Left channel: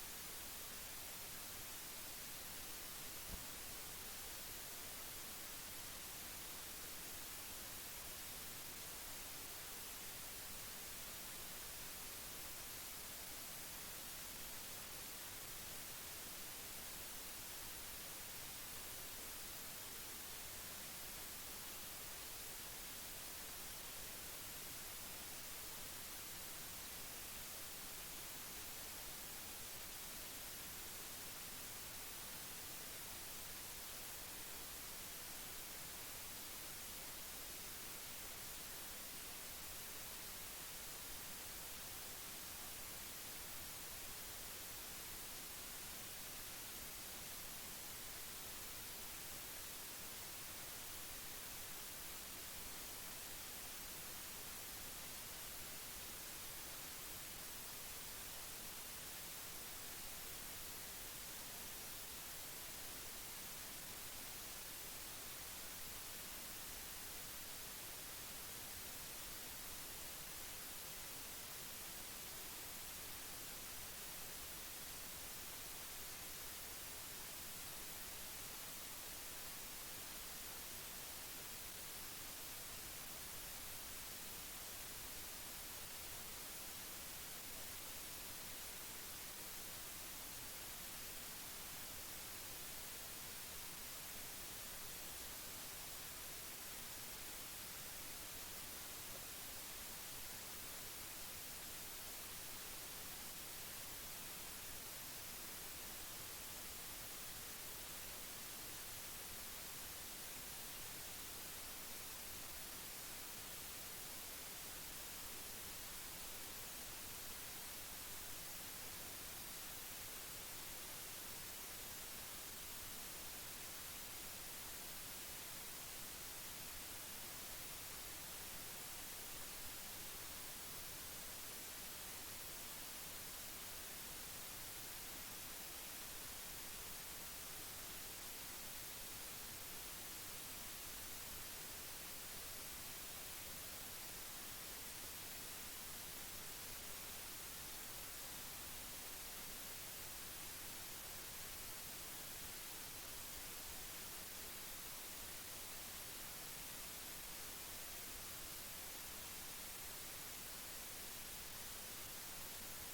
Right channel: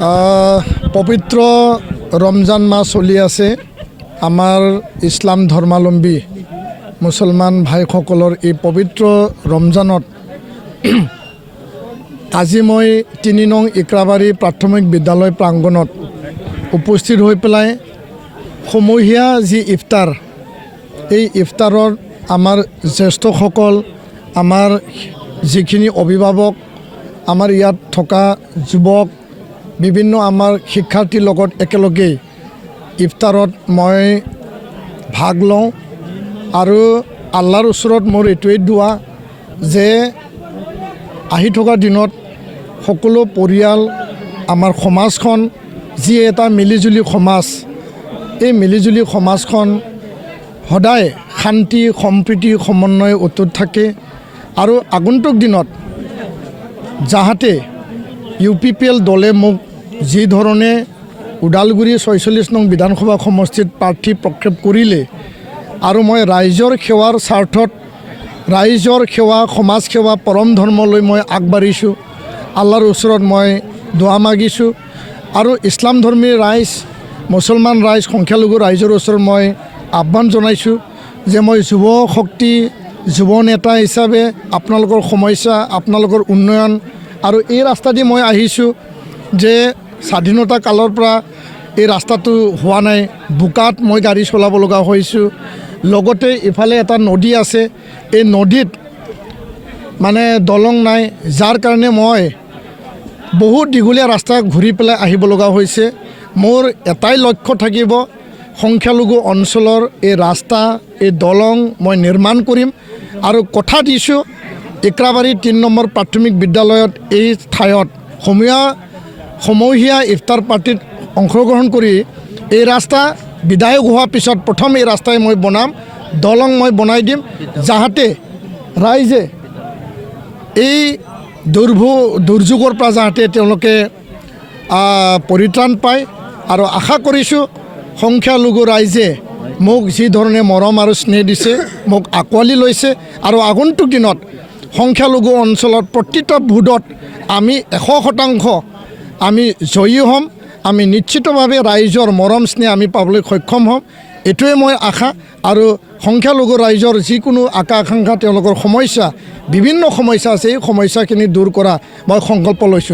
পবিত্ৰ ৰমজান মাহ চলি আছে। আমাৰ ইছলাম ধৰ্মাৱলম্বী মুছলমান ভাইসকলৰ এই পবিত্ৰ ৰমজানত আজি মই ৩ নং ইক্ৰাবাৰী প্ৰাথমিক বিদ্যালয় প্ৰাংগণত উপস্থিত হৈ পেলাই সমূহীয়া যি ইফতাৰ, এই ইফতাৰত আমাৰ জ্যেষ্ঠসকল, আমাৰ যিখিনি অভিভাৱক, আমাৰ ইয়াত থকা যুৱক, বিভিন্ন আমাৰ শিক্ষাৰ্থীৰ লগত একেলগে ইফতাৰত মই ভাগ লওঁ আৰু আল্লাহৰ ওচৰত মোৰ এইটোৱেই দোৱা যে আহি থকা দিনত সকলো পৰিয়াল, আমাৰ সমাজখন যি এটা মিলিজুলি সমাজ, এই মিলিজুলি সমাজখন সদায় শান্তি সম্প্ৰীতি সমন্বয় অটুট থাকে আৰু আগন্তুক দিনত যাহাতে UPPL দলে মোক যি ধৰণে ওদালগুৰি ৪৬ নং বিধানসভা সমষ্টিত প্ৰাৰ্থী প্ৰক্ষেপ কৰিলে আৰু মই ৰাইজৰ সেৱাৰ স্বাৰ্থত, ৰাইজৰ সেৱা, সমাজ সেৱা, পৰম ধৰ্মলৈ মই আগবাঢ়িছোঁ। আল্লাহৰ ওচৰত মই দোৱা মাগিছোঁ আৰু ইছলাম ধৰ্মী ৰাইজ, মুছলমান ৰাইজ, সংখ্যালঘু ৰাইজৰ ওচৰত মই আহ্বান জনাইছোঁ যে মই যুৱ শক্তি, যুৱ নেতা হিচাপে আপোনালোকৰ সমস্যা, আপোনালোকৰ উন্নয়ন আৰু এই ৰাস্তা দি মই আহিছোঁ যে স্বাধীনতা কালৰ পৰা এই ৰাস্তাটো হোৱা নাই, বোকাত মই গাড়ী চলাব লগা হৈছোঁ। লগতে ইফালে এটা নদী আছে, এই নদীত মানে দলং নাই, যাৰ কাৰণে মই বহুত দীঘলীয়া ৰাস্তা ঘূৰি পেলাই আহিব লগা হৈছে। মোৰ এটাই লক্ষ্য থাকিব, সংখ্যালঘু অঞ্চলৰ এই ৰাস্তা, এই দলং মই নিৰ্মাণ কৰিম আৰু কথা দিছোঁ ইক্ৰাবাৰী ৩ নম্বৰ প্ৰাথমিক বিদ্যালয়ত এই ঠাইত সমূহীয়া ইফতাৰ পাৰ্টিত অংশগ্ৰহণ কৰি এই ৰাস্তা বিধায়ক হোৱাৰ পিছত প্ৰথম এই ৰাস্তাই মই বনাম, দলং মই বনাই দিম, যাহাতে ৰাইজে এই দুৰ্যোগৰ পৰা যাহাতে তেওঁলোকে পৰিত্ৰাণ পায়। আৰু আশা কৰিছোঁ সংখ্যালঘু ৰাইজে মোক যি ধৰণে মৰম আৰু স্নেহ দিছে, মোক আঁকোৱালি লৈছে আৰু আগন্তুক দিনত সংখ্যালঘু অঞ্চলত প্ৰতিটা ভোটত আমি 100% আমি জয়ী হ'ম। আমি নিশ্চিতভাৱে ৰাইজৰ মৰম স্নেহ আমি পাবলৈ সক্ষম হ'ম, এইটোৱে মই আশা। আৰু সংখ্যালঘু ৰাইজৰ যিকোনো আকাংক্ষা, তেওঁলোকৰ সমস্যা, বিভিন্ন সমস্যা আছে, এই সমস্যাখিনি দূৰ কৰা মই সংকল্প লৈছোঁ।